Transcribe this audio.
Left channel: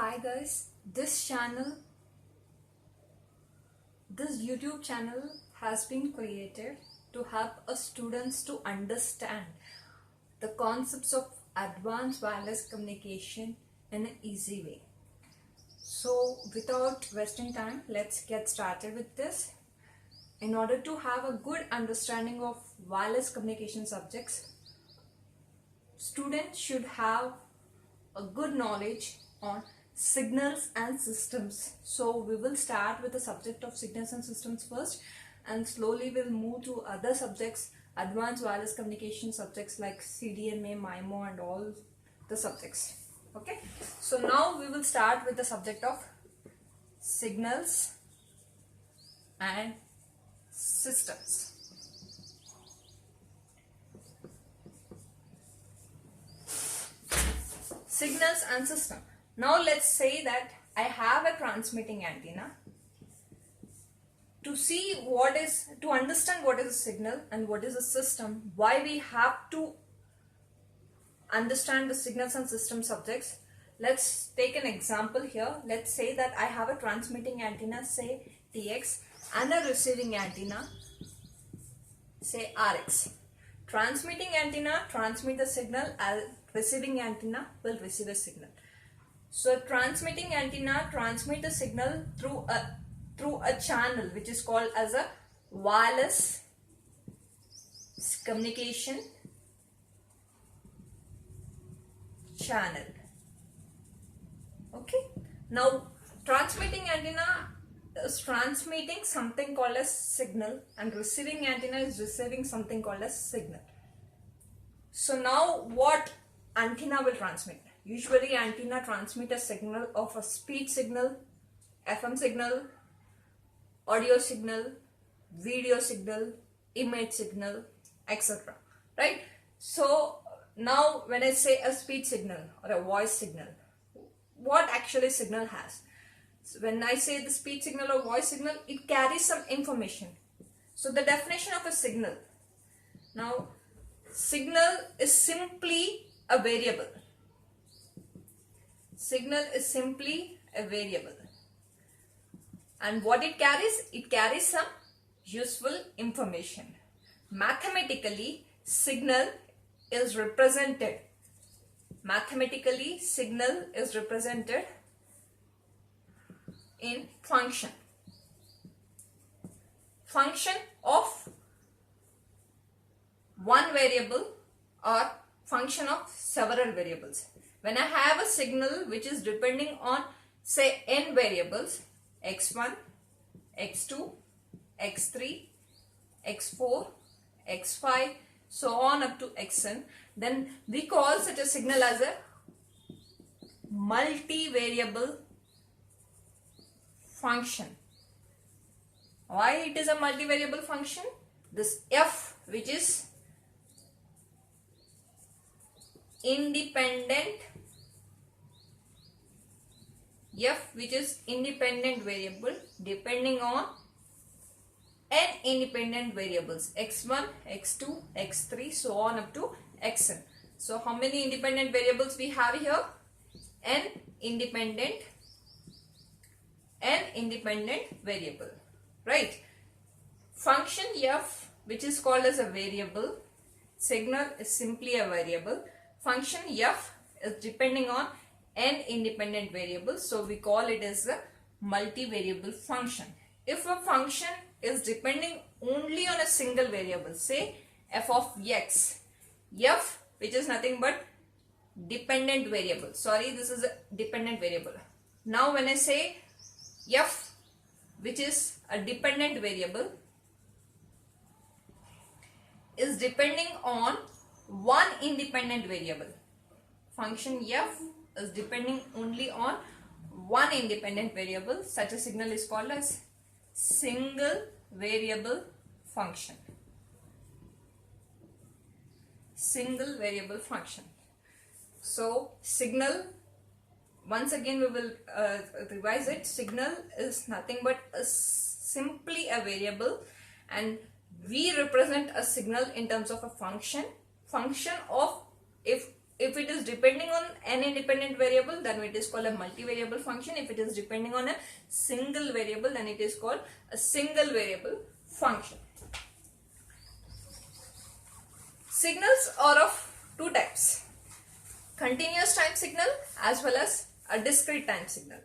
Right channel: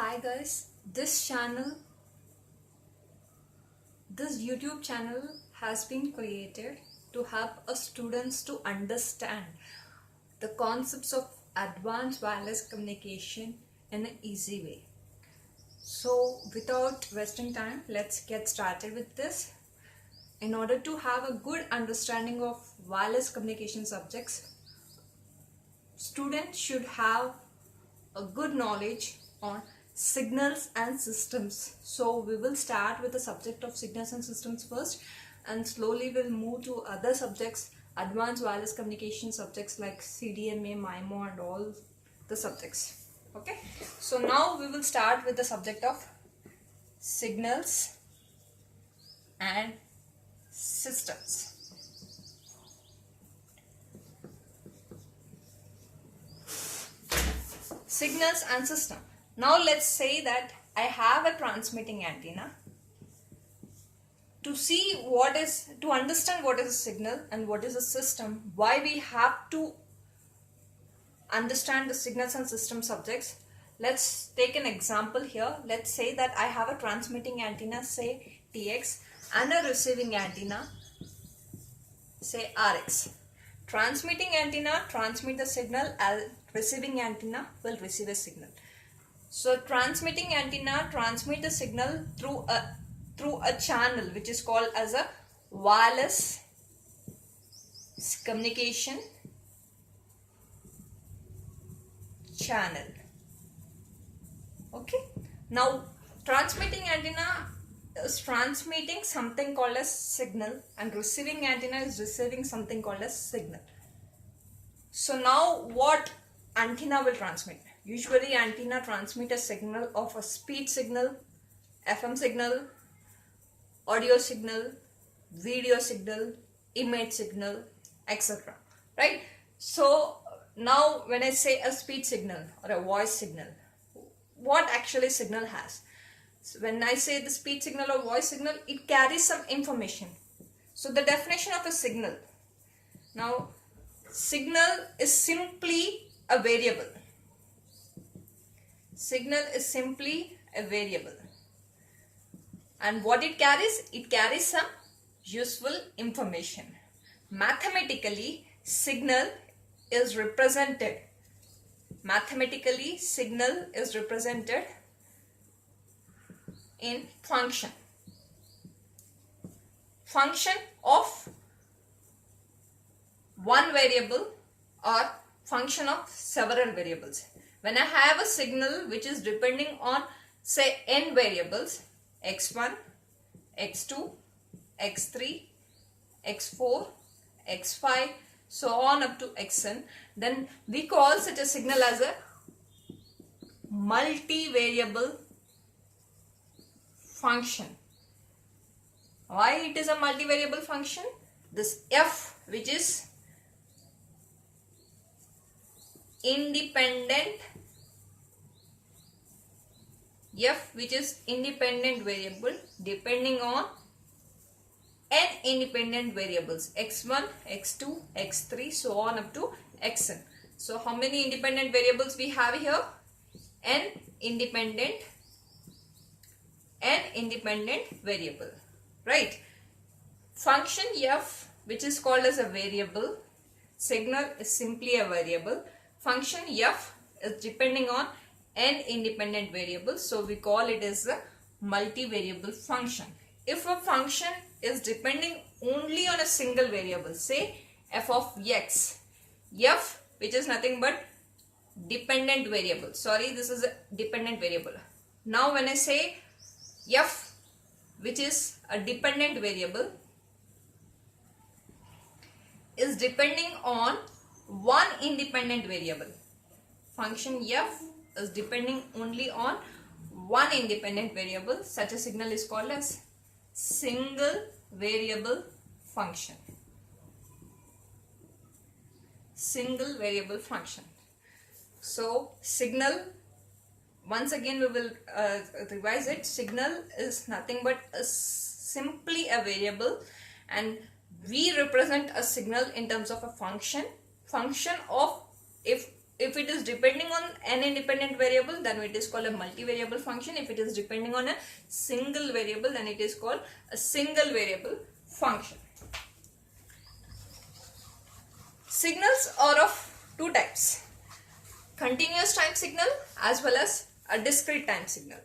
Hi guys, this YouTube channel has been created to help us students to understand the concepts of advanced wireless communication in an easy way. So without wasting time, let's get started with this. In order to have a good understanding of wireless communication subjects, students should have a good knowledge on signals and systems. So we will start with the subject of signals and systems first, and slowly we'll move to other subjects, advanced wireless communication subjects like CDMA, MIMO and all the subjects. Okay, so now we will start with the subject of signals and systems. Signals and system. Now let's say that I have a transmitting antenna. To understand what is a signal and what is a system, why we have to understand the signals and system subjects, let's take an example here. Let's say that I have a transmitting antenna, say TX, and a receiving antenna, say RX. Transmitting antenna transmit the signal, and receiving antenna will receive a signal. So transmitting antenna transmit the signal through a channel which is called as a wireless communication channel. Okay. Now transmitting antenna is transmitting something called as signal, and receiving antenna is receiving something called as signal. So now what antenna will transmit? Usually antenna transmit a signal of a speed signal, FM signal, audio signal, video signal, image signal, etc. Right? So now when I say a speed signal or a voice signal, what actually signal has? So when I say the speed signal or voice signal, it carries some information. So the definition of a signal. Now signal is simply a variable. Signal is simply a variable. And what it carries? It carries some useful information. Mathematically, signal is represented. Mathematically, signal is represented in function. Function of one variable or function of several variables. When I have a signal which is depending on, say, n variables, x1, x2, x3, x4, x5, so on up to xn, then we call such a signal as a multivariable function. Why it is a multivariable function? This f, which is independent variable depending on n independent variables, x1, x2, x3, so on up to xn. So how many independent variables we have here? n independent variable, right? Function f, which is called as a variable, signal is simply a variable. Function f is depending on n independent variables, so we call it as a multivariable function. If a function is depending only on a single variable, say f of x, f which is nothing but dependent variable, sorry, this is a dependent variable. Now when I say f which is a dependent variable is depending on one independent variable, function f is depending only on one independent variable, such a signal is called as single variable function. Single variable function. So signal, once again we will revise it. Signal is nothing but simply a variable, and we represent a signal in terms of a function of, if it it is depending on an independent variable, then it is called a multivariable function. If it is depending on a single variable, then it is called a single variable function. Signals are of two types: continuous time signal as well as a discrete time signal.